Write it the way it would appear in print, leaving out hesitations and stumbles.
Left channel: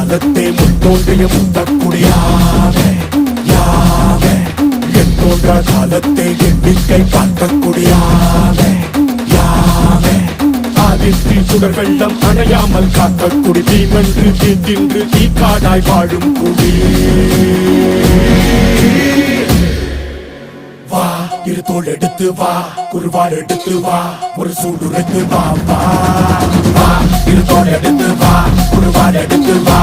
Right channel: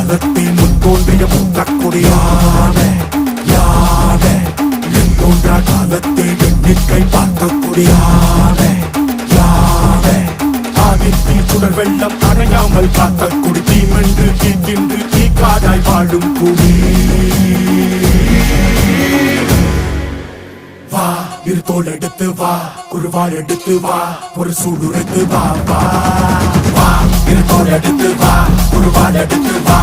காலத்தே முன் தோன்றிய மூத்தக்குடியான என் தோன்றா காலத்தே எண்ணிக்கை பார்க்கக்கூடியான ஆதித்தில் சுடர் வெள்ளம் அணையாமல் காத்த குடி தீமென்று தீத்தின்று தீக்காடாய் வாழும் குடி வா இரு தோள் எடுத்து வா குருவாள் எடுத்து வா ஒரு சூடுரைத்து வா வா இரு தோள் எடுத்து வா குருவாள் எடுத்து வா